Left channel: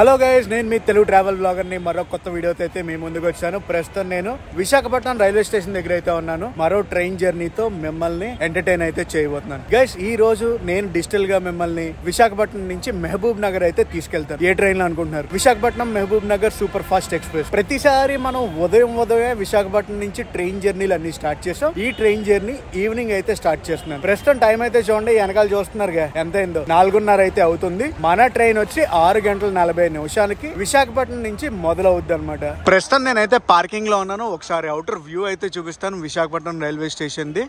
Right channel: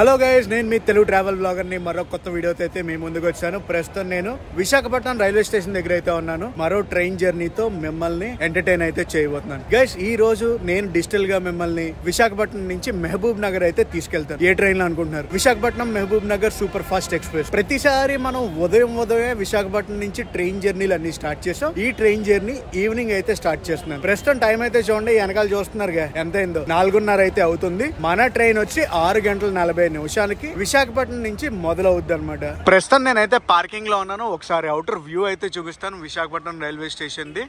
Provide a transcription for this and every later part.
Hello guys, నేను మీ Telugu travel blogger ని మరో కొత్త వీడియోతో అయితే మీ ముందుకు వచ్చాను. ప్రస్తుతం నేను విశాఖపట్నం రైల్వే స్టేషన్ దగ్గర అయితే ఉన్నాను. మరో ట్రైన్ జర్నీతో మిమ్మల్ని ఎంటర్టైన్ అయితే చేయబోతున్నాను. గైస్, ఈ రోజు నేను డిజిటల్ గా మిమ్మల్ని విశాఖపట్నం నుంచి మహబూబ్ నగర్ అయితే తీసుకెళ్తాను. ఏ ట్రైన్ లో అనుకుంటున్నారు? Visakhapatnam Mahbub Nagar super fast express. ప్రతిసారి మనం ఉదయం విశాఖపట్నం నుంచి ట్రైన్ జర్నీలు అన్ని స్టార్ట్ చేసాం. ఈ ట్రైన్ జర్నీ ఈవినింగ్ అయితే స్టార్ట్ చేస్తున్నాను. ప్రస్తుతం టైం అయితే చూడండి, వెనకాల చూస్తున్నారుగా ఎంత అయిందో, 4:30 అయితే అవుతుంది. మన ట్రైన్ వచ్చి 6:40 నిమిషాలకి విశాఖపట్నం నుంచి మొదలవుద్ది అనమాట. ప్రస్తుతం నేనైతే పార్కింగ్ లో ఉన్నాను. ఒకసారి అవుటర్ వ్యూ అయితే చూపిస్తాను విశాఖపట్నం రైల్వే స్టేషన్ ది.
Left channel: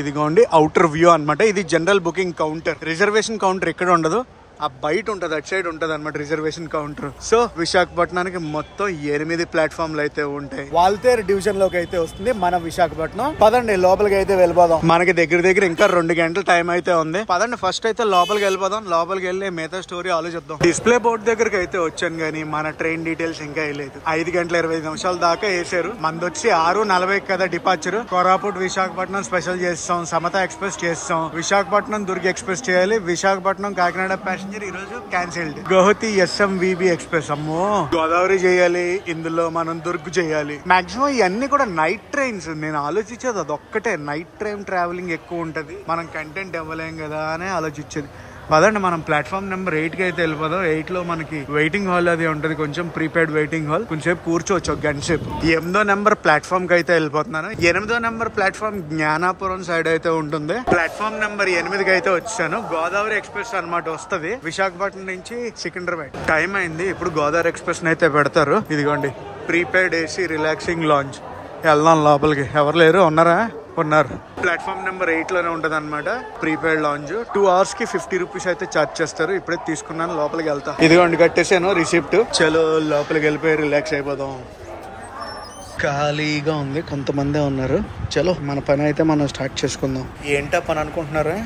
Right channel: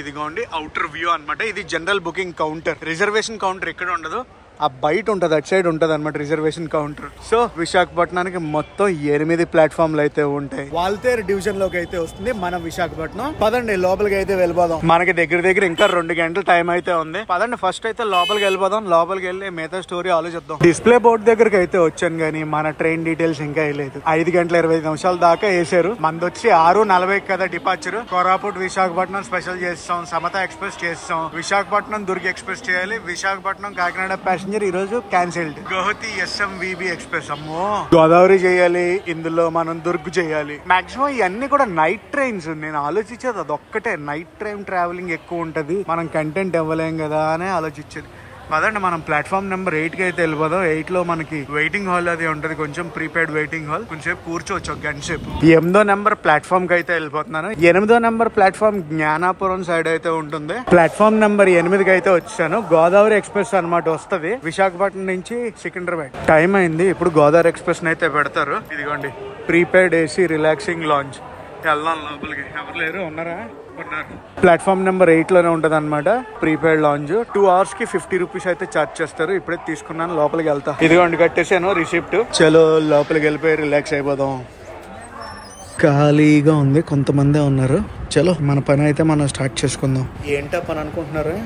ఇదిగోండి అవుటర్ వ్యూ అనమాట. ఇది general booking counter. Reservation counter ఇక్కడ ఉండదు, ఆ బయట ఉంటది, అటు సైడ్ ఉంటది అనమాట రిజర్వేషన్ కౌంటర్. సో విశాఖపట్నానికి మొత్తం 8 ప్లాట్ఫామ్లు అయితే ఉంటాయి. వాల్తేరు డివిజన్ లోకి అయితే వస్తుంది మన విశాఖపట్నం. పదండి లోపలికి అయితే వెళ్ళిపోదాం. మనకి దగ్గర ఇంకా 2 గంటల టైం అయితే ఉంది. పదండి ఫస్ట్ అయితే లోపలికి వెళ్ళిపోదాం. లోపలికి వెళ్ళి మిగతా స్టోరీ ఆలోచిద్దాం. డిస్ప్లే బోర్డు దగ్గరకు అయితే వచ్చాను కానీ మన ట్రైన్ డీటెయిల్స్ ఇంకా వేయలేదు. 5:25 దాకా వేసారు. మనది వచ్చి 6:40 కదా డిపార్చర్. కోరాపుట్ విశాఖపట్నం స్పెషల్ చేస్తాం, సమత ఎక్స్ప్రెస్ చేస్తాం, విశాఖపట్నం దుర్గ్ ఎక్స్ప్రెస్ చేయాలి, విశాఖపట్నం కాకినాడ ప్యాసింజర్ ఈ రోజు క్యాన్సిల్డ్. Guwahati SMVB express. అమ్మో, గోదావరి చేయాలి, ఇందులో మనం దుర్గ్ చేయాలి. మాక్సిమం ఇవన్నీ కూడా నైట్ ట్రైన్స్. నేను ఆలోచించేది అదొక్కటే, నైట్ ట్రైన్ ట్రావెలింగ్ ఎక్కువ ఉంటది, మనం కంటెంట్ ఇవ్వలేం కదా అని ఆలోచించేది. పదండి మనం ప్లాట్ఫామ్ నెంబర్ 8 కి అయితే వెళ్ళిపోదాం. 8 లో మనకి వెయిటింగ్ హాల్ అది ఉంటది, కొంచెం ప్రీపెయిడ్ వెయిటింగ్ హాల్. కొంచెంసేపు కూర్చోవచ్చు, ఒక గంట సేపు. 8వ నెంబర్ ప్లాట్ఫామ్ కి అయితే వెళ్ళిపోతున్నాను. 8వ నెంబర్ ప్లాట్ఫామ్ జ్ఞానాపురం సైడ్ అయితే ఉంటుంది. ప్లాట్ఫామ్ నెంబర్ 8 కి అయితే వచ్చాను. గోదావరి ఎక్స్ప్రెస్ అనమాట వస్తుంది విశాఖపట్నం నుంచి సికింద్రాబాద్. టైం అయింది, ఇప్పుడు గోదావరి ఎక్స్ప్రెస్ అయితే పెడతారు. ఇదిగోండి ప్రీపెయిడ్ AC రిలాక్సింగ్ లాంజ్. వెళ్దాం లోపలికి. ఎవరు లేరు? ఉన్నారా? ఉన్నారు. ప్లాట్ఫామ్ నెంబర్ 8 లోనే ఉంటది అనమాట ప్రీపెయిడ్ లాంజ్. 2 hours కి 50 రూపీస్ అయితే ఛార్జ్ చేస్తారు. ఇప్పుడే తీసుకున్నాను, లోపలికి వెళ్తా. ఇదిగోండి కట్టేసాను రిసిప్ట్. చలో లోపలికి వెళ్ళిపోయి రిలాక్స్ అయిపోదాం. ఖాళీగా ఉంది, కొంతమందే ఉన్నారు. చలో మన పని అయితే మనం స్టార్ట్ చేసుకుందాం. ఏంటా పని అనుకుంటున్నారా?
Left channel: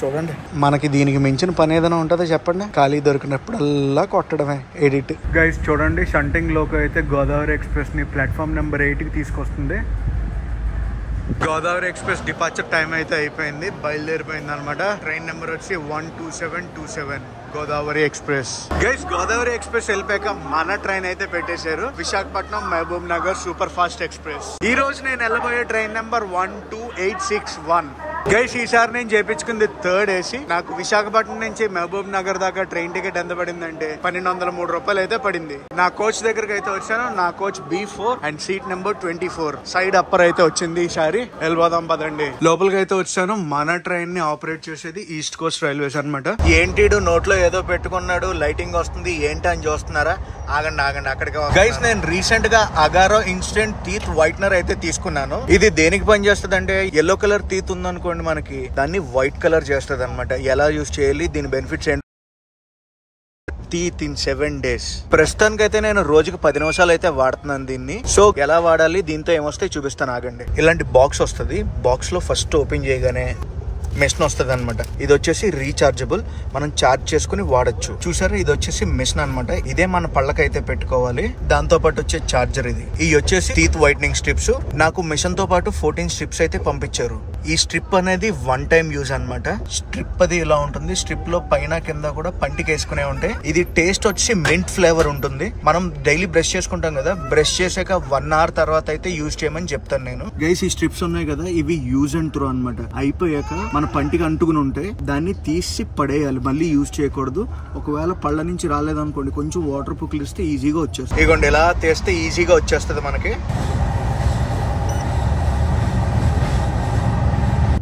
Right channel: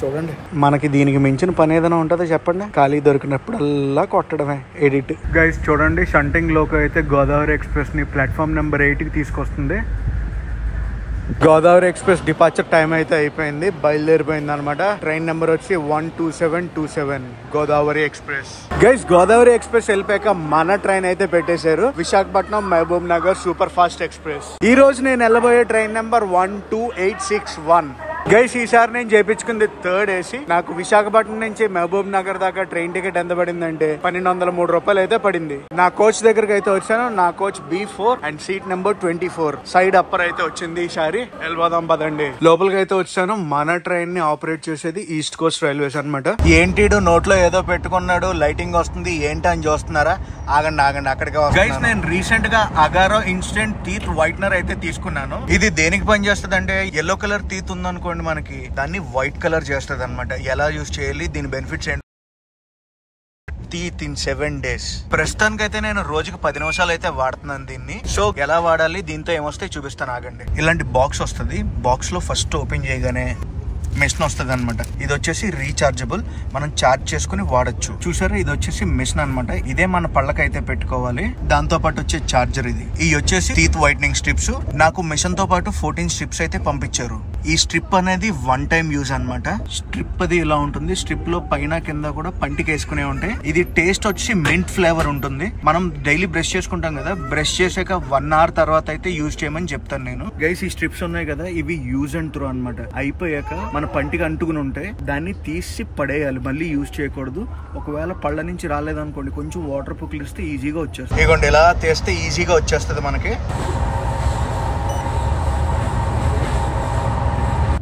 చూడండి, మనకి దీనికి మించిన పని ఏదైనా ఉంటుందో చెప్పండి. ఖాళీ దొరికినప్పుడల్లా కొట్టడమే ఎడిట్. గైస్ చూడండి, షంటింగ్ లోకి అయితే గోదావరి ఎక్స్ప్రెస్ ని ప్లాట్ఫామ్ నెంబర్ 8 కి తీసుకొస్తుంది. గోదావరి ఎక్స్ప్రెస్ డిపార్చర్ టైం అయితే అయిపోయింది, బయలుదేరిపోయింది అనమాట. ట్రైన్ నెంబర్ వచ్చి 12727 Godavari express. Guys Godavari express వెళ్ళిపోయాక మన ట్రైన్ అయితే పెట్టేశారు, Visakhapatnam Mahbub Nagar super fast express. ఈ రోజు నేను వెళ్ళబోయే ట్రైన్ నెంబర్ 12861. గైస్ ఈసారి నేను చేయించుకుంది 3rd AC. నాకు విశాఖపట్నం నుంచి మహబూబ్ నగర్ దాకా ట్రైన్ టికెట్ ఎంత పడిందంటే 1203 రూపాయలు అయితే పడింది. నా కోచ్ దగ్గరకు అయితే వచ్చాను. నా coach B4 and seat number 24. Side upper అయితే వచ్చింది. ఈసారి వెళ్ళిపోదాం పదండి. లోపలికి అయితే వచ్చాను. మన ట్రైన్ ని ఆపరేట్ చేసేది ఈస్ట్ కోస్ట్ రైల్వేస్ అనమాట. ఏంటి నోట్లో ఏదో పెట్టుకున్నాడు, లైటింగ్ వస్తుంది ఏంటి అని చూస్తున్నారా? ఆగండి అక్కడికి. గైస్ నేను రీసెంట్ గా అగారో ఇన్స్టెంట్ టీత్ వైట్నర్ అయితే తీసుకున్నాను. ఇది దేనికి పని చేస్తుంది అంటే, ఎల్లో కలర్ టీత్ ఉందనుకోండి మనకి, దాన్ని వైట్ కలర్ చేస్తుంది అనమాట. ఎలా యూజ్ చేయాలి, దీని బెనిఫిట్స్ ఏంటి? Teeth in 7 days. ప్రస్తుతానికి అయితే నేను రోజుకి 10 నిమిషాలు అయితే వాడుతున్నాను దీన్ని. సో ఎలా వాడాలి, దీంతో ఏమొస్తాయి చూపిస్తాను ఆగండి. ఇలాంటి బాక్స్ వస్తుంది. బాక్స్ లో ఫస్ట్ ఓపెన్ చేయగానే మిషన్ వస్తుంది అనమాట. ఇది వచ్చేసి రీచార్జబుల్, మనం చార్జ్ చేసుకుని వాడచ్చు. చూసారా, ఇది వచ్చేసి మిషన్ అనమాట. ఇదే మన పళ్ళకైతే పెట్టుకోవాలి. దాంతో పాటు వచ్చే చార్జర్ ఇది. ఇవి వచ్చేసి టీత్ వైట్నింగ్ స్ట్రిప్స్. నాకు మిషన్ తో పాటు 14 స్ట్రిప్స్ అయితే పంపించారు. ఈ స్ట్రిప్ అనేది 1 time యూజ్ అనమాట. స్ట్రిప్ అది ఇలా ఉంటుంది. స్ట్రిప్ లో పైన కింద కూడా పంటికి వేసుకునే ఉంటాయి. ఇది టేస్ట్ వచ్చి మింట్ ఫ్లేవర్ ఉంటుంది. మనం డైలీ బ్రష్ చేసుకుంటాం కదా, బ్రష్ చేసాక 1 hour తర్వాత అయితే యూజ్ చేయమని చెప్తాను నేను. గైస్ ఈ స్ట్రిప్స్ ఉన్నాయి కదా, ఇవి యూజ్ అండ్ త్రో అనమాట. అయిపోయాక మన పంటికి అంటుకుని ఉంటే దాన్ని తీసి పడేయాలి, మళ్ళీ యూజ్ చేయకూడదు. ఒకవేళ పళ్ళ నుంచి రాలేదనుకోండి, కొంచెం వాటర్ పుక్కిలిస్తే ఈజీగా వచ్చేస్తుంది. ఇదిగోండి ఇలా తీస్తే ఈజీగా వచ్చేస్తుంది మనకి.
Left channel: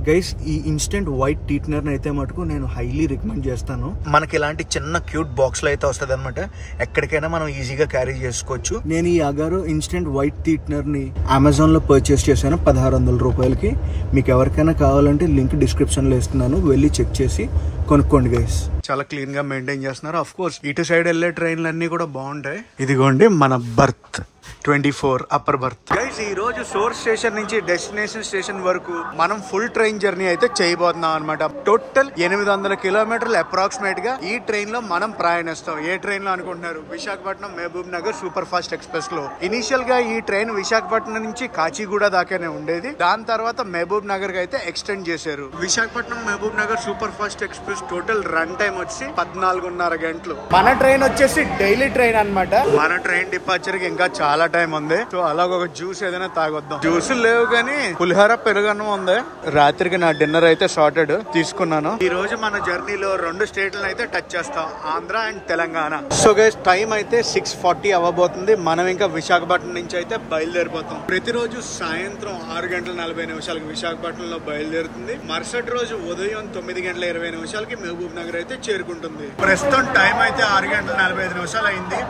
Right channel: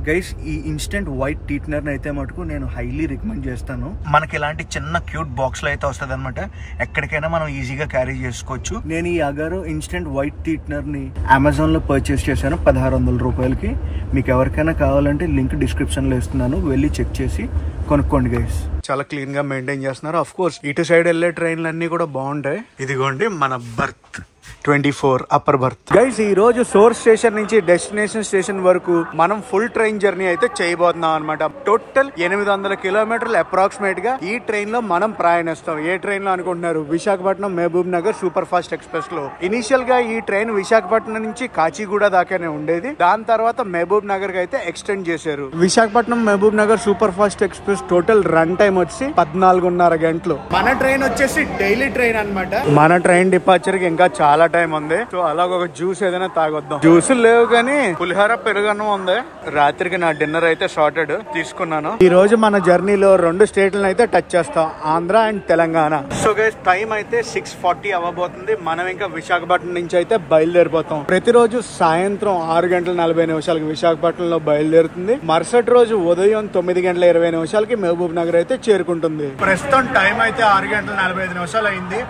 గైస్ ఈ ఇన్స్టెంట్ వైట్ టీట్నర్ అయితే మటుకు నేను హైలీ రికమెండ్ చేస్తాను. మనకి ఇలాంటి చిన్న క్యూట్ బాక్స్ లో అయితే వస్తుంది అనమాట. ఎక్కడికైనా మనం ఈజీగా క్యారీ చేసుకోవచ్చు. నేను ఈ అగారో ఇన్స్టెంట్ వైట్ టీట్నర్ ని అమెజాన్ లో పర్చేస్ చేశాను 1600 రూపాయలకి. మీకు ఎవరికైనా కావాలంటే లింక్ డిస్క్రిప్షన్ లో ఇస్తున్నాను, వెళ్ళి చెక్ చేసి కొనుక్కోండి గైస్. చాలా క్లీన్ గా మెయింటైన్ చేస్తున్నారు. ఆఫ్ కోర్స్ ఇటు సైడ్ వెళ్లే ట్రైన్లు అన్ని కూడా బాగుంటాయి. ఇదిగోండి మన బర్త్. 24 upper birth. గైస్ ఈ రోజు సోర్స్ స్టేషన్ నుంచి డెస్టినేషన్ స్టేషన్ వరకు మనం ఫుల్ ట్రైన్ జర్నీ అయితే చేయబోతున్నాం అనమాట. టోటల్ 800 కిలోమీటర్లు అప్రాక్సిమేట్ గా ఈ ట్రైన్ లో మనం ప్రయాణిస్తాం. ఏ ట్రైన్ లో అనుకుంటున్నారు? Visakhapatnam Mahbub Nagar super fast express లో. ఇనిషియల్ గా ఈ ట్రైన్ విశాఖపట్నం నుంచి కాచిగూడ దాకానే ఉండేది. దాని తర్వాత మహబూబ్ నగర్ కి అయితే ఎక్స్టెండ్ చేశారు. Visakhapatnam Mahbub Nagar super fast express total run time వచ్చి 14.5 గంటలు. మన ట్రైన్ వచ్చేసి డైలీ ట్రైన్ అన్నమాట. మన ట్రైన్ డిపార్చర్ కి ఇంకా చాలా టైం ఉంది. సో అలాగ ఒక జ్యూస్ ఏదైనా తాగొద్దాం. జ్యూస్ లేవు కానీ పులిహోర పెరుగన్నం ఉంది. రాత్రికి నా డిన్నర్ అయితే సార్టెడ్ తీసుకున్నాను. ఈ రోజు మన జర్నీలో 2 స్టేట్లను అయితే టచ్ చేస్తాం, Andhra and Telangana. So guys time అయితే 6:40 అవ్వబోతుంది. మనం ఇంకా విశాఖపట్నం నుంచి అయితే బయలుదేరిపోతాం. ప్రతిరోజు సాయంత్రం 6:40 విశాఖపట్నంలో బయలుదేరుతుంది. మరుసటి రోజు ఉదయం 9:20 మహబూబ్ నగర్ అయితే చేరుకుంటుంది. ప్రస్తుతం టైం అయితే 6:45 అయింది.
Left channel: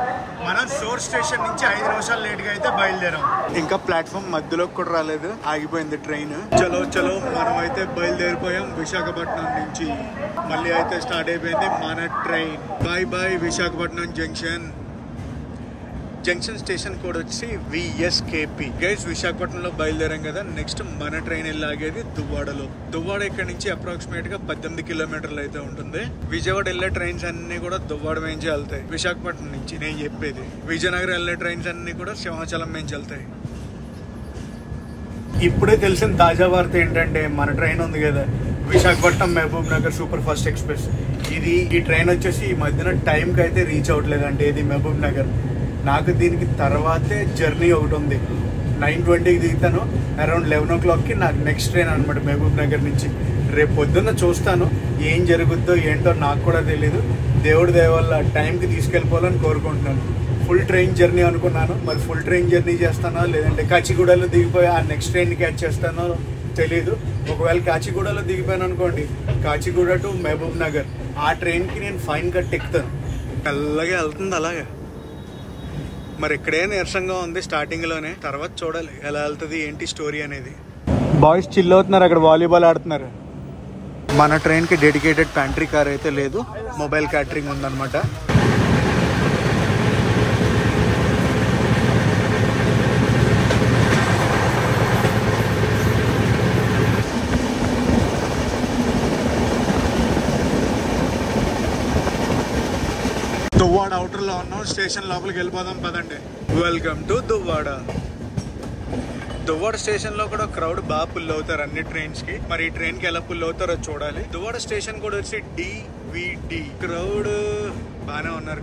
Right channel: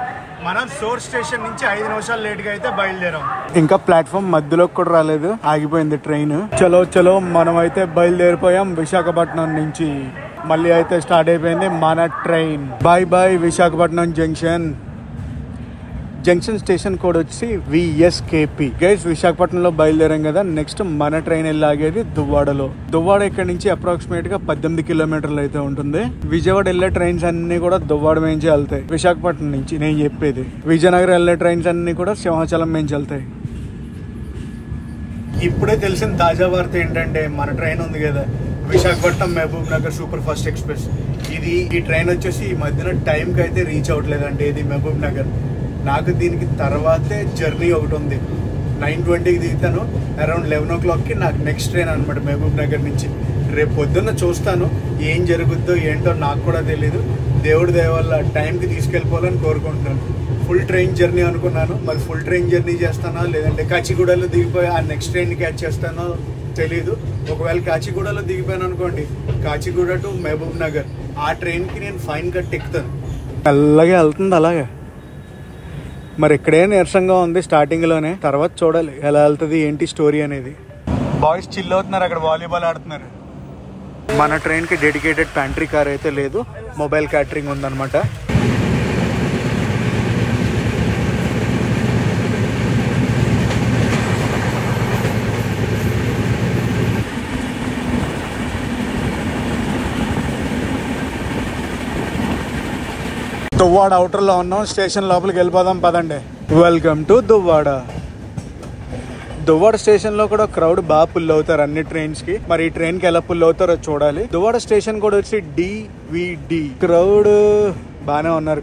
మనం సోర్స్ స్టేషన్ నుంచి 5 నిమిషాలు లేట్ గా అయితే బయలుదేరాం. ఇంకా ప్లాట్ఫామ్ మధ్యలోకి కూడా రాలేదు, ఆగిపోయింది ట్రైన్. చలో మనం అయితే బయలుదేరిపోయాం విశాఖపట్నం నుంచి. మళ్ళీ అయితే స్టార్ట్ అయిపోయింది మన train. Bye Visakhapatnam junction station code వచ్చి VSKP. గైస్ విశాఖపట్నంలో బయలుదేరాం కదా. నెక్స్ట్ మన ట్రైన్ వెళ్ళాగేది దువ్వాడలో. దువ్వాడ ఇక్కడ నుంచి అప్రాక్సిమేట్ గా 18 కిలోమీటర్లు అయితే ఉంటుంది. విజయవాడ వెళ్లే ట్రైన్స్ అన్ని కూడా దువ్వాడ నుంచి వెళ్తాయి. విశాఖపట్నం నుంచి నేను చెప్పేది. విజయనగరం వెళ్లే ట్రైన్స్ అన్ని కూడా సింహాచలం నుంచి వెళ్తాయి. ఇప్పుడే తెలిసిన తాజా వార్త ఏంటంటే మన ట్రైన్ ఉంది కదా, Visakhapatnam Mahbub Nagar super fast express. ఈ ట్రైన్ వచ్చేసి ఈ మధ్యన టైం కి అయితే రీచ్ అవ్వట్లేదు అంటే ఇది మహబూబ్ నగర్. నాకు దీనికి తర్వాతే జర్నీ ఒకటి ఉంది. 9:20కి దిగుతాను. అరౌండ్ 11 o'clock కి నాకు నెక్స్ట్ ట్రైన్ అనమాట మహబూబ్ నగర్ నుంచి. రేపు పొద్దున్న చూస్తాను ఏం జరుగుద్దో ఏంటో నాకు కూడా తెలీదు. దేవుడి దయ వల్ల టైంకి తీసుకెళ్ళిపోవాలని కోరుకుంటున్నాను. ఫుల్ ట్రైన్ జర్నీ అనుకున్నాను, మరి ఫుల్ ట్రైన్ జర్నీ చేస్తానో లేదంటే కాచిగూడలో దిగిపోయి ఆ నెక్స్ట్ ట్రైన్ క్యాచ్ చేస్తానో తెలీదు. ఒకవేళ కాచిగూడలో దిగిపోయాను అనుకోండి, కాచిగూడ టు మహబూబ్ నగర్ ఆ ట్రైన్ కి నేను ఫైన్ కట్ ఎక్కుతాను. అలాగే వెళ్తుంది అలాగే. మరి ఇక్కడే నీరసంగా ఉంది స్టార్టింగ్ లోనే, తర్వాత చూడాలి ఎలా వెళ్తుంది ఏంటి స్టోరీ అనేది. బాయ్స్ చిల్ అవుతున్నారు, అక్కడ వాలీబాల్ ఆడుతున్నారు. మన ట్రైన్ కి డెడికేటెడ్ ప్యాంట్రీ కార్ అయితే లేదు, మొబైల్ క్యాటరింగ్ ఉందన్నమాట. దువ్వాడ అవుటర్ లో ఉన్నాం. స్టేషన్ లోపలికి వెళ్ళిపోదాం పదండి. Welcome to Duvvada. Duvvada station లో కూడా క్రౌడ్ బాగా పుల్ అవుతారు అన్ని ట్రైన్స్ కి. మరి ఈ ట్రైన్ కి ఎలా పుల్ అవుతారో చూడాలి. దువ్వాడ స్టేషన్ కూడా వచ్చి DVD. క్రౌడ్ బానే ఉన్నారు.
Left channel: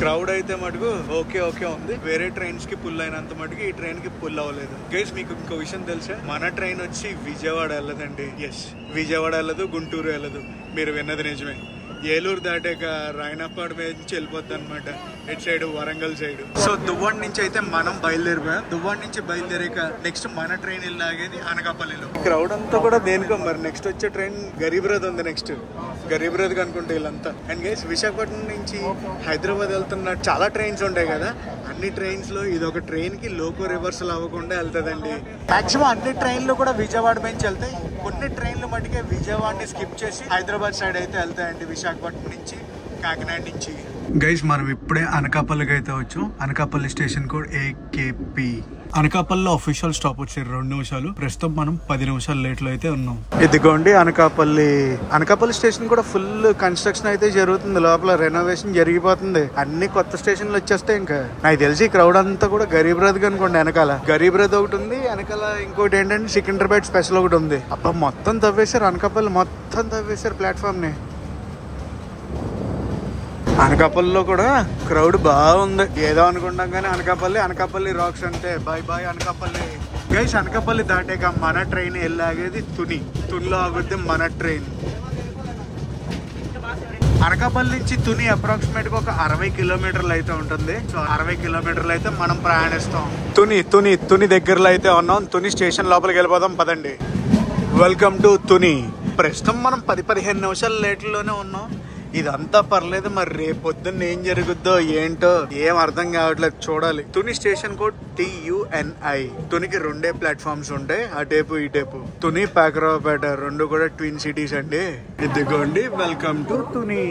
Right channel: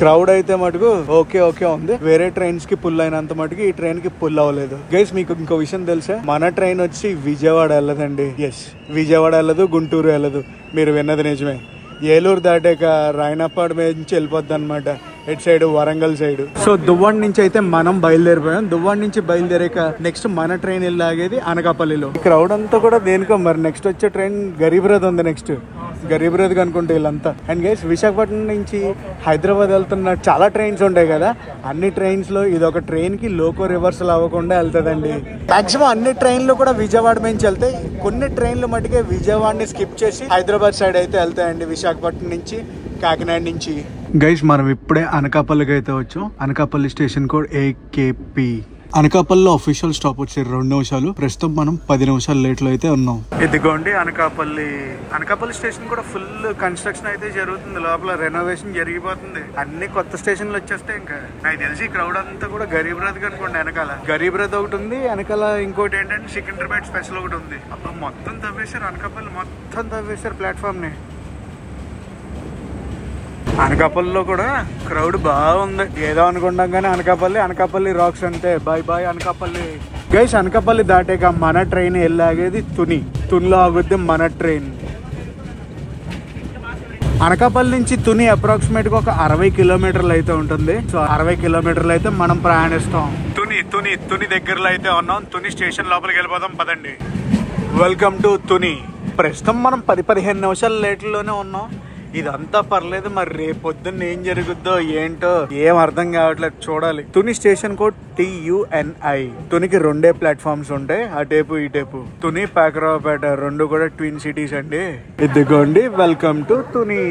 క్రౌడ్ అయితే మటుకు ఓకే ఉంది. వేరే ట్రైన్స్ కి పుల్ అయినంత మటుకు ఈ ట్రైన్ కి పుల్ అవ్వలేదు. గైస్ మీకు ఇంకో విషయం తెలుసా, మన ట్రైన్ వచ్చి విజయవాడ వెళ్ళదండి. ఎస్, విజయవాడ వెళ్ళదు, గుంటూరు వెళ్ళదు. మీరు విన్నది నిజమే. ఏలూరు దాటాక రాయనపాడు మీద నుంచి వెళ్ళిపోద్ది అనమాట, ఇటు side Warangal side. So Duvvada నుంచి అయితే మనం బయలుదేరిపోయాం. దువ్వాడ నుంచి బయలుదేరాక నెక్స్ట్ మన ట్రైన్ వెళ్ళాగేది అనకాపల్లిలో. క్రౌడ్ అంతా కూడా దేనికో మరి. నెక్స్ట్ వచ్చే ట్రైన్ గరీబ్ రథ్ ఉంది. నెక్స్ట్ గరీబ్ రథ్ అనుకుంటే వీళ్ళంతా. అండ్ గైస్ విశాఖపట్నం నుంచి హైదరాబాద్ వెళ్తున్న చాలా ట్రైన్స్ ఉంటాయి కదా, అన్ని ట్రైన్స్ లో ఇది ఒక ట్రైన్ కి లోకో రివర్సల్ అవ్వకుండా వెళ్తుందండి. మాక్సిమం అన్ని ట్రైన్లు కూడా విజయవాడ నుంచి వెళ్తాయి. కొన్ని ట్రైన్లు మటుకే విజయవాడని స్కిప్ చేసి హైదరాబాద్ సైడ్ అయితే వెళ్తాయండి, విశాఖపట్నం నుంచి కాకినాడ నుంచి. గైస్ మనం ఇప్పుడే అనకాపల్లికి అయితే వచ్చాం. Anakapalli station code AKP. అనకాపల్లిలో అఫీషియల్ స్టాప్ వచ్చి 2 నిమిషాలు. ప్రస్తుతం మనం 10 నిమిషాలు లేట్ లో అయితే ఉన్నాం. ఇదిగోండి అనకాపల్లి స్టేషన్ కూడా ఫుల్ కన్స్ట్రక్షన్ అయితే జరుగుతుంది. లోపల రెనోవేషన్ జరిగిపోతుంది. అన్ని కొత్త స్టేషన్లు వచ్చేస్తాయి. ఇంకా నాకు తెలిసి క్రౌడ్ అంతా కూడా గరీబ్ రథ్ అనుకోండి. వెనకాల గరీబ్ రథ్ ఒకటి ఉంది, వెనకాల ఇంకోటి ఏంటంటే సికింద్రాబాద్ స్పెషల్ ఒకటి ఉంది. అబ్బా మొత్తం తవ్వేశారు, అనకాపల్లి మొత్తం తవ్వేశారు ప్లాట్ఫామ్ ని. అనకాపల్లిలో కూడా క్రౌడ్ బాగుంది. ఏదో అనుకుంటాం కానీ అనకాపల్లి రాక్స్ అంతే. బాయ్ అనకాపల్లి. గైస్ అనకాపల్లి దాటాక మన ట్రైన్ వెళ్ళాగేది తునిలో ఆగుద్ది మన ట్రైన్. అనకాపల్లి నుంచి తుని అప్రాక్సిమేట్ గా ఒక 60 కిలోమీటర్లు అయితే ఉంటుంది. సో 60 కిలోమీటర్లు అయితే మనం ప్రయాణిస్తాం. తుని దగ్గరలో అయితే ఉన్నాం. తుని స్టేషన్ లోపలికి వెళ్ళిపోదాం పదండి. Welcome to Tuni. ప్రస్తుతం మనం 10-15 నిమిషాల లేట్లోనే ఉన్నాం. ఇదంతా పర్లేదు, మరి రేపు పొద్దున్న ఏం జరుగుద్దో ఏంటో ఏం అర్థం కావట్లేదు, చూడాలి. Tuni station code TUNI. తునికి 2 platforms ఉంటాయి, ఆ టేపు ఈ టేపు. తుని పాకరావుపేట 2 కూడా ట్విన్ సిటీస్ అండి. ఇదిగోండి, welcome to Tuni.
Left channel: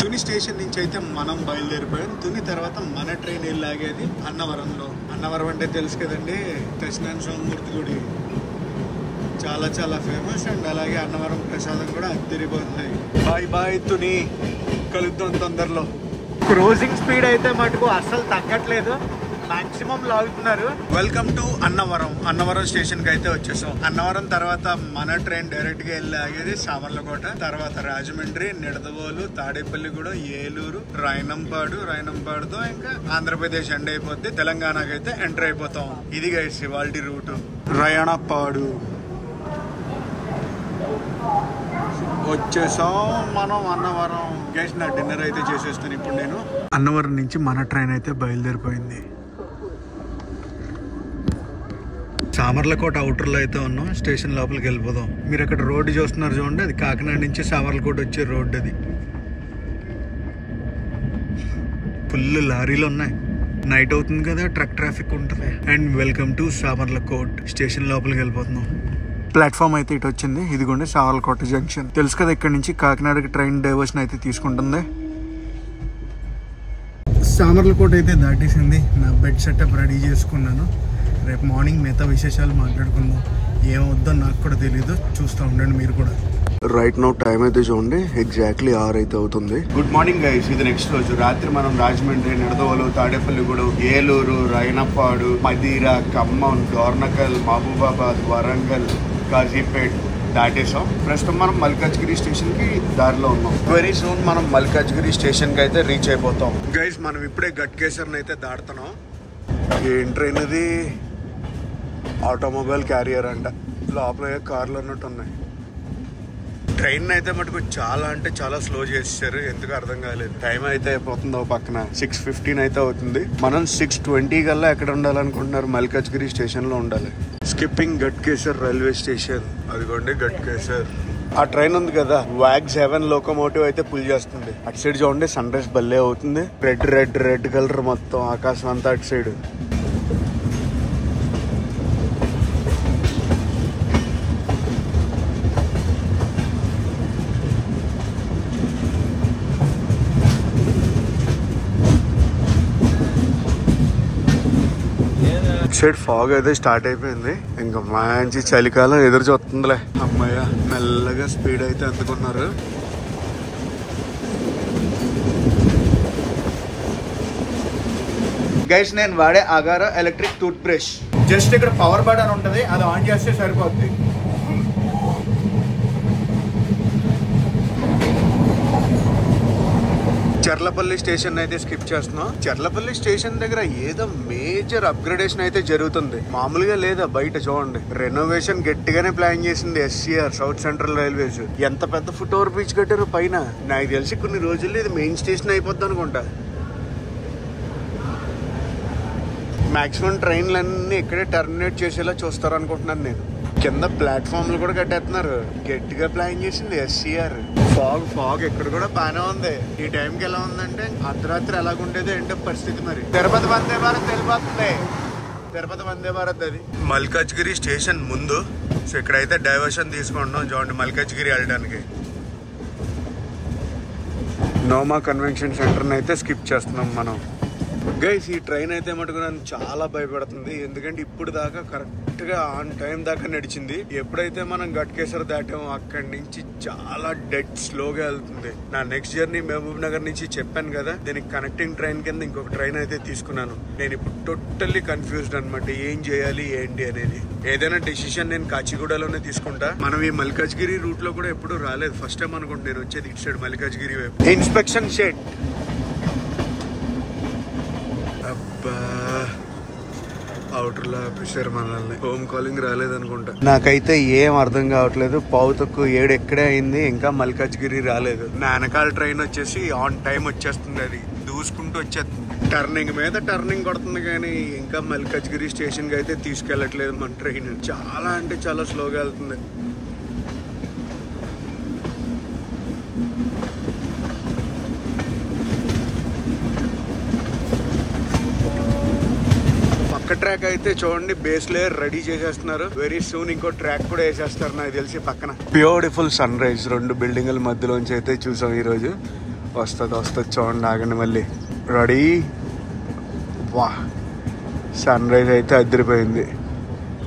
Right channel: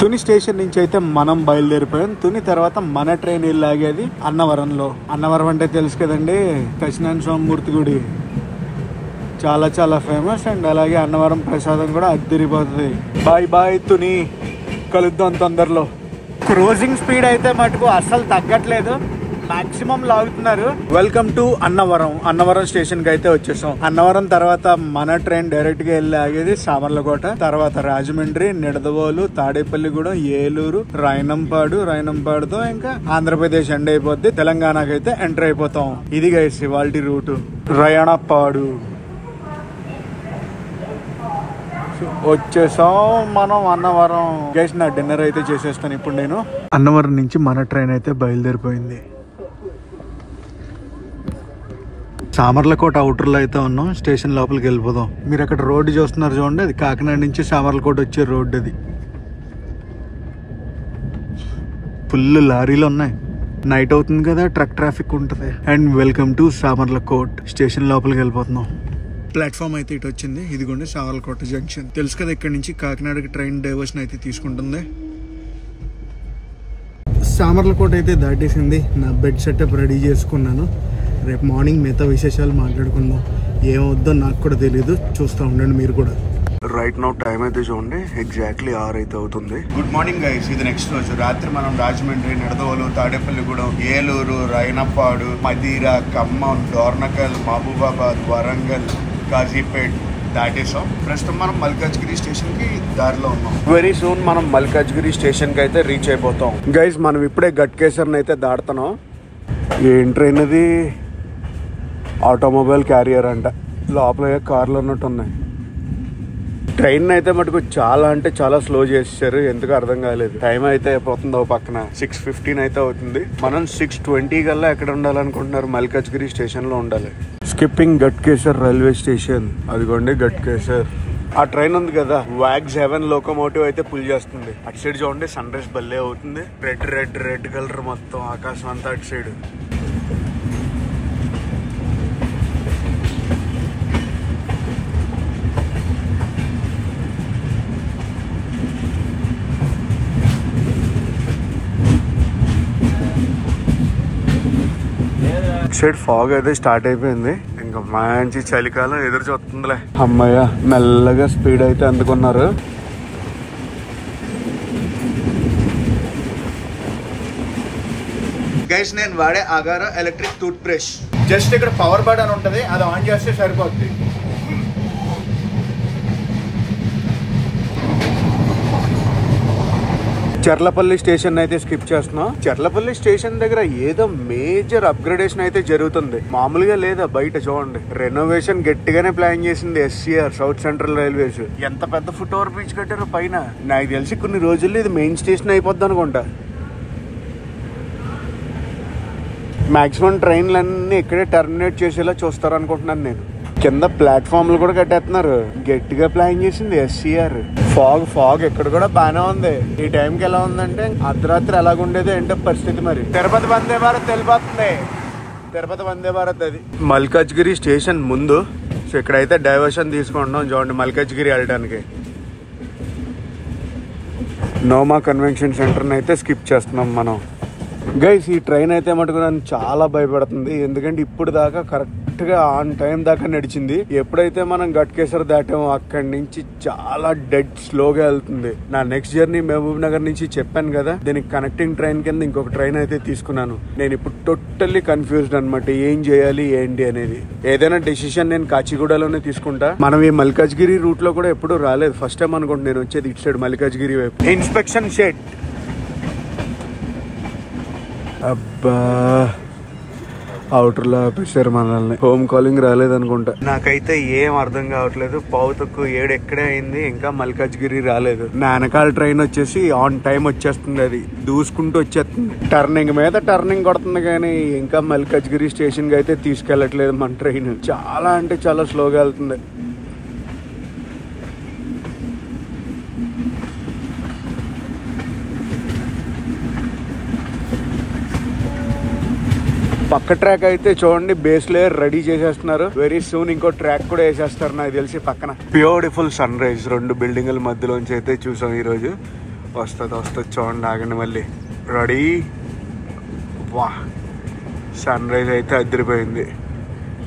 Tuni station నుంచి అయితే మనం బయలుదేరిపోయాం. తుని తర్వాత మన ట్రైన్ లాగేది అన్నవరంలో. అన్నవరం అంటే తెలుసు కదండి, సత్యనారాయణ స్వామి మూర్తి గుడి, చాలా చాలా ఫేమస్. అండ్ అలాగే అన్నవరం ప్రసాదం కూడా అద్దరిపోతుంది. బాయ్ బాయ్ తుని, కలుద్దాం తొందరలో. క్రూజింగ్ స్పీడ్ అయితే మటుకు అస్సలు తగ్గట్లేదు, మాక్సిమం లాగుతున్నారు. Welcome to Annavaram. Annavaram station కి అయితే వచ్చేసాం. అన్నవరం తర్వాత మన ట్రైన్ డైరెక్ట్ గా వెళ్ళి ఆగేది సామర్లకోట, తర్వాత రాజమండ్రి, నిడదవోలు, తాడేపల్లిగూడెం, ఏలూరు, రాయనంపాడుతో ఇంకా ఆంధ్రప్రదేశ్ ఎండ్ అయిపోద్ది. తెలంగాణకి అయితే ఎంటర్ అయిపోతాం. ఇది గైస్ ఇవాల్టి రూటు. రాయణపాడు వచ్చేసాం మనం అన్నవరం. గైస్ నా డిన్నర్ అయితే చేసేస్తాను ఇప్పుడు నేను. అన్నవరం నుంచి మన ట్రైన్ అయితే బయలుదేరిపోయింది. సామర్లకోట అవుటర్ లో అయితే ఉన్నాం. స్టేషన్ లోపలికి వెళ్ళిపోదాం. మీరు అక్కడ రోడ్డు చూస్తున్నారు చూడండి, అది కాకినాడ నుంచి సామర్లకోట వచ్చే రోడ్డు. అది ఫుల్ లారీలు ఉన్నాయి. నైట్ అవుతుంది కదా, ట్రక్ ట్రాఫిక్ ఉంటుంది. And welcome to Samarlakot. Station లోపలికి వెళ్ళిపోతున్నాం. ప్లాట్ఫామ్ అయితే ఇటు వచ్చింది. ఇదిగోండి సామర్లకోట జంక్షన్. తెలుసు కదా, ఇక్కడ నుంచి కాకినాడకి ట్రైన్ డైవర్షన్ అయితే తీసుకుంటుంది. సామర్లకోట అయితే దాటేసింది. నా బెడ్ సెటప్ రెడీ చేసుకున్నాను. రేపు మార్నింగ్ మిగతా విశేషాలు మాట్లాడుకుందాం. ఏమవుద్దో నాకు కూడా తెలియదు, చూస్తూ ఉండండి మీరు కూడా. రైట్ నౌ టైం అయితే చూడండి, ఎగ్జాక్ట్లీ 6 అయితే అవుతుంది. Good morning guys. ఇది నెక్స్ట్ రోజు రాత్రి మనం రాజమండ్రి, నిడదవోలు, తాడేపల్లిగూడెం, ఏలూరు, రాయనపాడు, మదీర, ఖమ్మం, డోర్నకల్, మహబూబాబాద్, వరంగల్, కాజీపేట్ దాటేసాం. ప్రస్తుతం మనం మల్కాజ్గిరి స్టేషన్ కి దారిలో ఉన్నాం. వెరీ సూన్ మనం మల్కాజ్గిరి స్టేషన్ కి అయితే రీచ్ అయిపోతాం. గైస్ మనం ఇప్పుడే గట్కేసర్ అయితే దాటుతున్నాం. ఏం ట్రైన్ అది? ఆటోమొబైల్ క్యారియర్ అంట. లోపల కార్లు ఉన్నట్టు ఉన్నాయి. ట్రైన్ అయితే మటుకు చాలా అంటే చాలా స్లో చేసేసారు, ఎందుకు అర్థం కాలేదు. టైం అయితే అయిపోతుంది. ఓ పక్కన 6:15 అయితే అవుతుంది. మనం 6:20 కల్లా ఎక్కడ ఉండాలనుకుంటున్నారు? మల్కాజ్గిరి స్టేషన్ లో ఉండాలి. Skipping Ghatkesar railway station. అదిగోండి గట్కేసర్. ఆ ట్రైన్ ఉంది కదా, WAG-7 లోకోమోటివ్ అయితే పుల్ చేస్తుంది. అటు సైడ్ చూడండి, సన్ రైజ్ భలే అవుతుంది. రెడ్ కలర్ మొత్తం ఆకాశం అంతా అటు సైడ్. సైడ్ ఫాగ్ అయితే స్టార్ట్ అయిపోయింది. ఇంకా మంచి చలికాలం ఎదురు చూస్తుందిలే. అమ్మయ్య, మెల్లగా స్పీడ్ అయితే అందుకున్నారు. గైస్ నేను వాడే Agaro electric tooth brush. Just ఇక్కడ పవర్ బటన్ ఉంటది, అది ఆన్ చేస్తే సరిపోద్ది. చర్లపల్లి స్టేషన్ అయితే స్కిప్ చేస్తున్నాం. చర్లపల్లి స్టేషన్ దగ్గర ఏదో మేజర్ అప్గ్రేడేషన్ అయితే జరుగుతుంది, మామూలుగా లేదా. బయట చూడండి, రెనోవేషన్ గట్టిగానే ప్లాన్ చేసింది SCR, సౌత్ సెంట్రల్ రైల్వేస్. ఎంత పెద్ద ఫుట్ ఓవర్ బ్రిడ్జ్ కట్టారు పైన. నాకు తెలిసి కొన్ని రోజుల్లో ఇది మెయిన్ స్టేషన్ అయిపోద్ది అనుకుంటా. మాక్సిమం ట్రైన్లన్నీ ఇక్కడే టర్మినేట్ చేసేలా చూస్తారు అనుకుంటున్నాను నేను. కింద ప్లాట్ఫామ్లు కూడా కట్టేస్తున్నారు, గట్టిగా ప్లాన్ చేసింది SCR. ఫాగ్ ఇక్కడ కూడా బానే ఉంది. ఈ టైంకి ఎలా ఉందంటే అర్ధరాత్రి ఎలాగుండేది ఏంటో పరిస్థితి. మరి తిరుపతి వందే భారత్ వెళ్ళిపోతుంది. తిరుపతి వందే భారత్ అది మల్కాజ్గిరి స్టేషన్ ముందు. సో ఇక్కడైతే డైవర్షన్ తీసుకుంటున్నాం చూడండి, మల్కాజ్గిరి వెళ్ళడానికి. నోమా కన్వెన్షన్ సెంటర్ అయితే స్కిప్ చేస్తున్నాం మనం. గైస్ ఈ ట్రైన్ అయితే మటుకు నన్ను చాలా భయపడుతుంది, ఎందుకంటే ఇప్పుడు దాకా కరెక్ట్ గా ఆన్ టైం దాకా నడిచింది. ఎప్పుడైతే మనం గట్కేసర్ దాటామో అక్కడి నుంచి చాలా డెడ్ స్లోగా వెళ్తుంది. నా నెక్స్ట్ జర్నీ మహబూబ్ నగర్ నుంచి చెప్పాను కదా, దీనికి కనెక్టింగ్ ట్రైన్ కింద ఇంకొక ట్రైన్ అయితే తీసుకున్నాను. నేను ఇప్పుడు టోటల్లీ కన్ఫ్యూజ్డ్ అనమాట, ఏం చేయాలి ఏంటి అనేది. ఏదైనా డెసిషన్ నేను కాచిగూడలోనే తీసుకుంటా. మనం ఈ మల్కాజ్గిరి రూట్ లో కూడా ఎప్పుడు రాలేదు, ఫస్ట్ టైం అనుకుంటా నేను వచ్చేది ఇటు సైడ్ మల్కాజ్గిరి వైపు. Inspection shed. అబ్బా, అవుటర్ లో ఆపేశారు మనల్ని. హోమ్ కాలింగ్ రాలేదనుకుంటా. నాకైతే ఏం అర్థం కావట్లేదు. పావు తక్కువ 7 ఎక్కడే అయింది, ఇంకా మల్కాజ్గిరి రాలేదు. నా వెనకాల ట్రైన్ వచ్చేసి ఆన్ టైం వచ్చేస్తుంది, అది దూసుకుంటూ వచ్చేస్తుంది. టర్నింగ్ మీద టర్నింగ్ కొడుతుంది, కానీ ఇంకా మల్కాజ్గిరి స్టేషన్ కి అయితే తీసుకెళ్లట్లేదు మన ట్రైన్. చాలా అంటే చాలా స్లోగా వెళ్తుంది. పక్క ట్రాక్ అయితే చూడండి బేస్ లేయర్ రెడీ చేసేస్తున్నారు. వెరీ సూన్ ఇంకో ట్రాక్ కూడా వేసేస్తారు నాకు తెలిసి పక్కన. బ్యూటిఫుల్ సన్ రైజ్ 2 బిల్డింగుల మధ్యలోంచి అయితే చూసాం ఈ రోజు. వస్తుంది చూడండి, ఆగండి మళ్ళీ. రెడీ, వా, సన్ రైజ్ అయితే అదిరిపోయింది.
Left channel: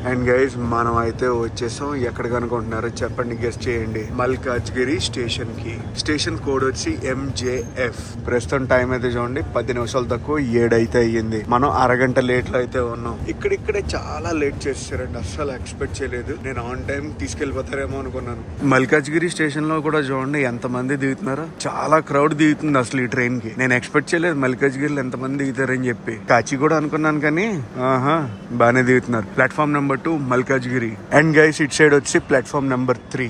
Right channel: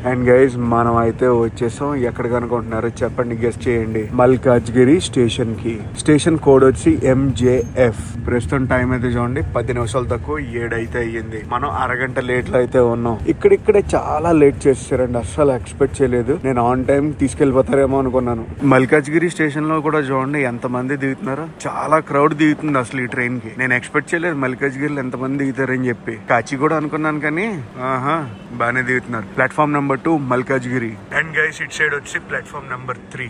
అండ్ గైజ్ మనం అయితే వచ్చేసాం. ఎక్కడికి అనుకుంటున్నారో చెప్పండి, గెస్ట్ చేయండి. మల్కాజ్గిరి స్టేషన్ కి. స్టేషన్ కోడ్ వచ్చి MJF. ప్రస్తుతం టైం అయితే చూడండి 10 నిమిషాలు తక్కువ 7 అయితే అయ్యింది. మనం అరగంట లేట్ లో అయితే ఉన్నాం. ఇక్కడిక్కడే చాలా లేట్ చేసారండి, అస్సలు ఎక్స్పెక్ట్ చేయలేదు. నేను ఆన్ టైం తీసుకెళ్లిపోతారేమో అనుకున్నాను. మల్కాజ్గిరి స్టేషన్ లో కూడా చూడండి ఎంత మంది దిగుతున్నారో. చాలా క్రౌడ్ దిగుతుంది అసలు ఈ ట్రైన్ కి. నేను ఎక్స్పెక్ట్ చేయలేదు మల్కాజ్గిరిలో ఎంత మంది దిగుతారని చెప్పి. కాచిగూడ అనుకున్నాను కానీ బాగానే దిగుతున్నారు. Platform number 2 Malkajgiri. And guys it side వచ్చి ప్లాట్ఫామ్ నెంబర్ 3.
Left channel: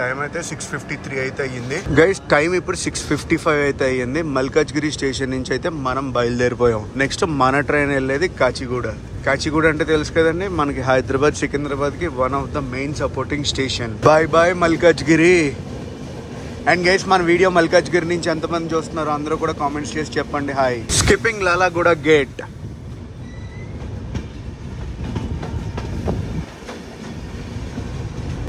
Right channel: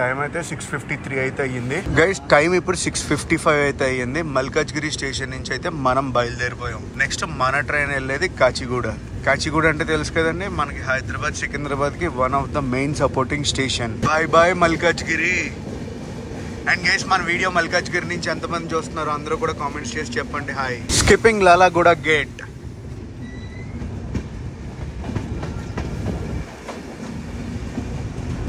టైం అయితే 6:53 అయితే అయ్యింది. గైస్ టైం ఇప్పుడు 6:55 అయితే అయ్యింది. మల్కాజ్గిరి స్టేషన్ నుంచి అయితే మనం బయలుదేరిపోయాం. నెక్స్ట్ మన ట్రైన్ వెళ్ళేది కాచిగూడ. కాచిగూడ అంటే తెలుసు కదండి, మనకి హైదరాబాద్ సికింద్రాబాద్ కి one of the main supporting station. Bye bye Malkajgiri. And guys మన వీడియో మల్కాజ్గిరి నుంచి ఎంతమంది చూస్తున్నారు అందరూ కూడా కామెంట్స్ చేసి చెప్పండి హాయ్. Skipping Lalaguda gate.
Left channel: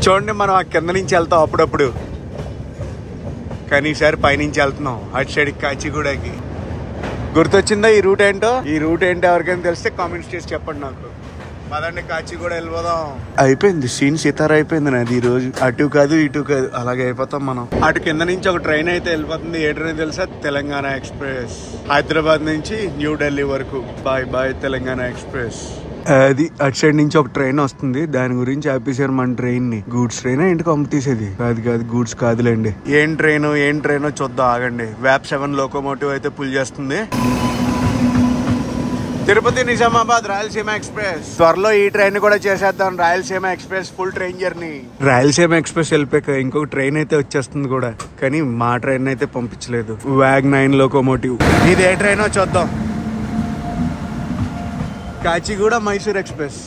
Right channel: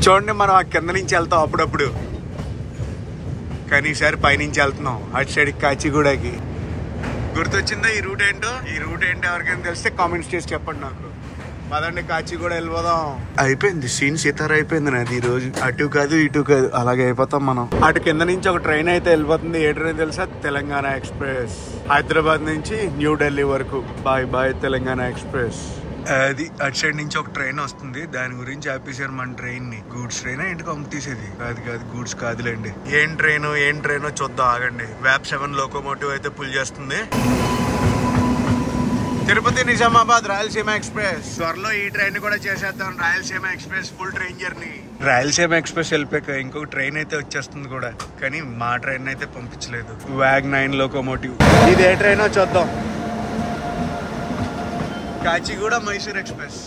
చూడండి మనం ఆ కింద నుంచి వెళ్తాం అప్పుడప్పుడు, కానీ ఈసారి పైనుంచి వెళ్తున్నాం అటు సైడ్ కాచిగూడకి. గుర్తొచ్చిందా ఈ రూట్ ఏంటో? ఈ రూట్ ఏంటో ఎవరికైనా తెలిస్తే కామెంట్స్ చేసి చెప్పండి నాకు. పదండి కాచిగూడ వెళ్ళిపోదాం. అయిపోయింది సీన్ సితార అయిపోయింది నాది ఈ రోజు. అటు కాదు ఇటు కాదు అలాగే అయిపోతాం మనం. అటు కింద నుంచి ఒక ట్రైన్ అయితే వెళ్ళిపోతుంది. ఏ ట్రైన్ తెలుసా? తెలంగాణ ఎక్స్ప్రెస్. హైదరాబాద్ నుంచి న్యూఢిల్లీ వరకు. Bye bye Telangana express. అది అటు సైడ్ నుంచి ఒక ట్రైన్ వస్తుంది, దాని గురించి ఆపేసారు మన ట్రైన్ ని. గూడ్స్ ట్రైన్ ఇంటికి పంపితీసేది కాదు, గూడ్స్ కాదులేండి. ఏం ట్రైనో చూద్దాం ఆగండి. వ్యాప్ 7 లోకోమోటివ్ అయితే పుల్ చేస్తుంది. తిరుపతి నిజామాబాద్ రాయలసీమ ఎక్స్ప్రెస్. త్వరలో ఈ ట్రైన్ కూడా చేసేద్దాం, Rayalaseema express full train journey. Rayalaseema express వెళ్ళిపోయాక ఇంకొక ట్రైన్ అయితే వచ్చేస్తుంది కూడా, కానీ మా ట్రైన్ అయితే పంపించలేదు. Wag 9 locomotive. ఇదే ట్రైన్ చూద్దాం. కాచిగూడ మైసూర్ ఎక్స్ప్రెస్.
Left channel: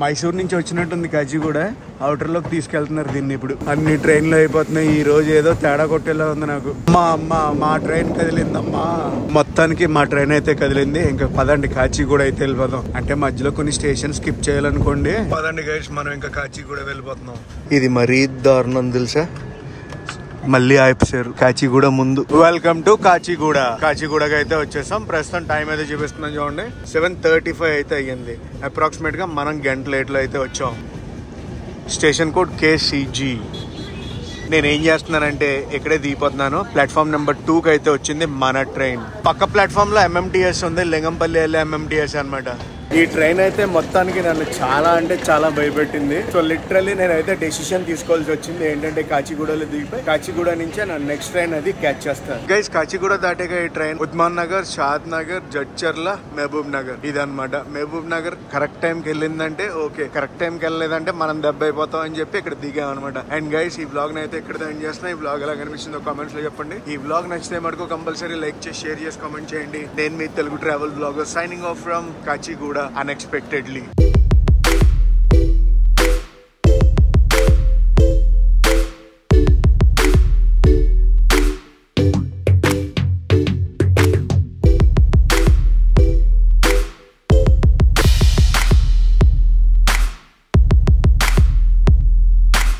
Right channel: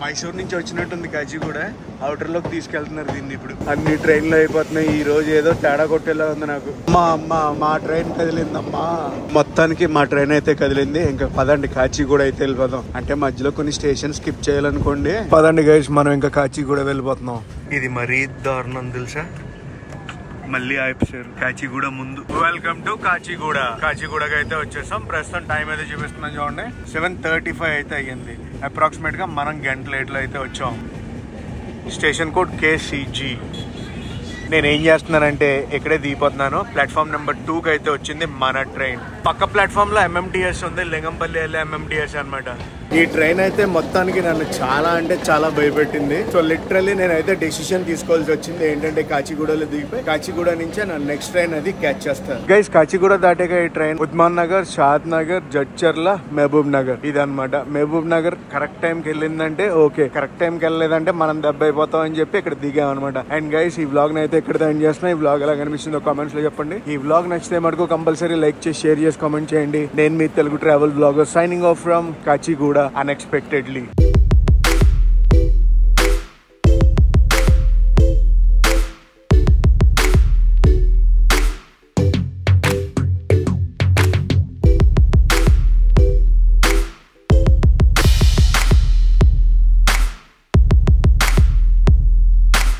మైసూర్ నుంచి వచ్చినట్టుంది కాచిగూడ. అవుటర్ లోకి తీసుకెళ్తున్నారు దీన్ని. ఇప్పుడు అన్ని ట్రైన్లు అయిపోతున్నాయి. ఈ రోజు ఏదో తేడా కొట్టేలా ఉంది నాకు. మా ట్రైన్ కదిలిందమ్మా. మొత్తానికి మా ట్రైన్ అయితే కదిలింది. ఇంకా పదండి కాచిగూడ అయితే వెళ్ళిపోదాం. అంటే మధ్యలో కొన్ని స్టేషన్ స్కిప్ చేయాలనుకోండి. పదండి గైస్ మనం ఇంకా కాచిగూడ వెళ్ళిపోతున్నాం. ఇది మరీ దారుణం తెలుసా, మళ్ళీ ఆపేశారు కాచిగూడ ముందు. Welcome to Kachiguda. కాచిగూడకి అయితే వచ్చేసాం. ప్రస్తుతం టైం అయితే చూపిస్తున్నాం చూడండి 7:35 అయితే అయ్యింది. అప్రాక్సిమేట్ గా మనం గంట లేట్ లో అయితే వచ్చాం. Station code KCG. నేనేం చేస్తున్నానంటే ఇక్కడే దిగిపోతున్నాను. ప్లాట్ఫామ్ నెంబర్ 2 కి అయితే వచ్చింది మన ట్రైన్. పక్క ప్లాట్ఫామ్ లో MMTS ఉంది, లింగంపల్లి వెళ్ళే MMTS అన్నమాట. ఈ ట్రైన్ అయితే మొత్తానికి నన్ను చాలా అంటే చాలా భయపెట్టింది. సో లిటరల్లీ నేనైతే డెసిషన్ తీసుకోవాల్సి వచ్చింది. ఏంటంటే కాచిగూడలో దిగిపోయి కాచిగూడ నుంచే నా నెక్స్ట్ ట్రైన్ అది క్యాచ్ చేస్తాను. గైస్ కాచిగూడ దాటాక ఈ ట్రైన్ ఉస్మాన్ నగర్, షాద్ నగర్, జడ్చర్ల, మహబూబ్ నగర్ ఇదన్నమాట. మహబూబ్ నగర్ కరెక్ట్ టైం కి వెళ్ళిందంటే ఓకే, కరెక్ట్ టైం కి వెళ్ళలేదంటే మనం దెబ్బ అయిపోతాం అని చెప్పి ఇక్కడ దిగాం అనమాట. అండ్ గైస్ ఈ వ్లాగ్ అయితే ఇక్కడ ఎండ్ చేస్తున్నా. ఈ వ్లాగ్ ఎలా కనిపిస్తుందో కామెంట్స్ లో చెప్పండి. ఈ వ్లాగ్ నచ్చితే మటుకు కంపల్సరీ లైక్ చేసి షేర్ చేసి కామెంట్ చేయండి. నేను మీ Telugu travel blogger signing off from Kacheguda unexpectedly.